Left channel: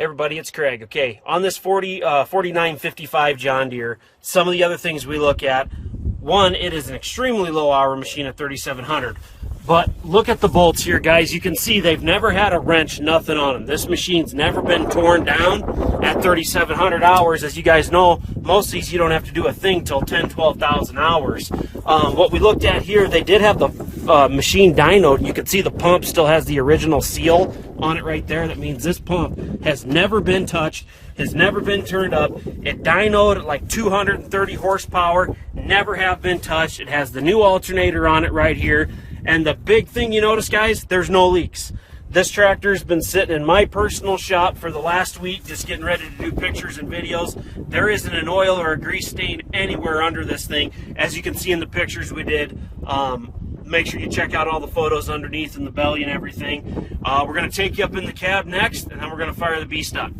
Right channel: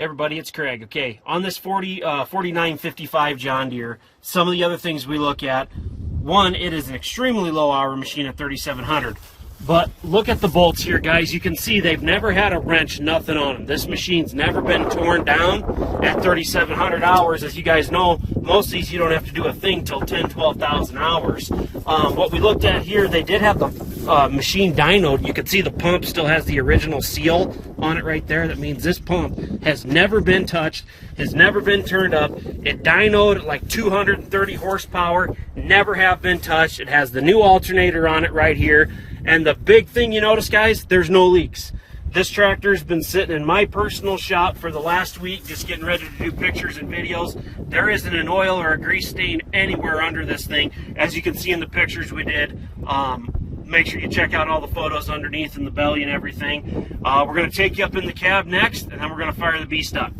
Hey everybody, it's Craig. Okay, on this 4955 John Deere, some of the other things we look at, one, it is an extremely low hour machine at 3,700. But look at the bolts here, guys. You can see they've never had a wrench, nothing on them. This machine's never been torn down at 3,700 hours. As you guys know, most of these you don't have to do a thing till 10, 12,000 hours. What we looked at here, they did have the machine dinoed. You can see the pump still has the original seal on it right there. That means this pump has never been touched, has never been turned up. It dinoed at like 230 horsepower, never have been touched. It has the new alternator on it right here. And the big thing you notice, guys, there's no leaks. This tractor's been sitting in my personal shop for the last week, just getting ready to do pictures and videos. There isn't an oil or a grease stain anywhere under this thing. As you can see in the pictures we did, make sure you check out all the photos underneath and the belly and everything. We're going to take you up in the cab next, and then we're going to fire the beast up.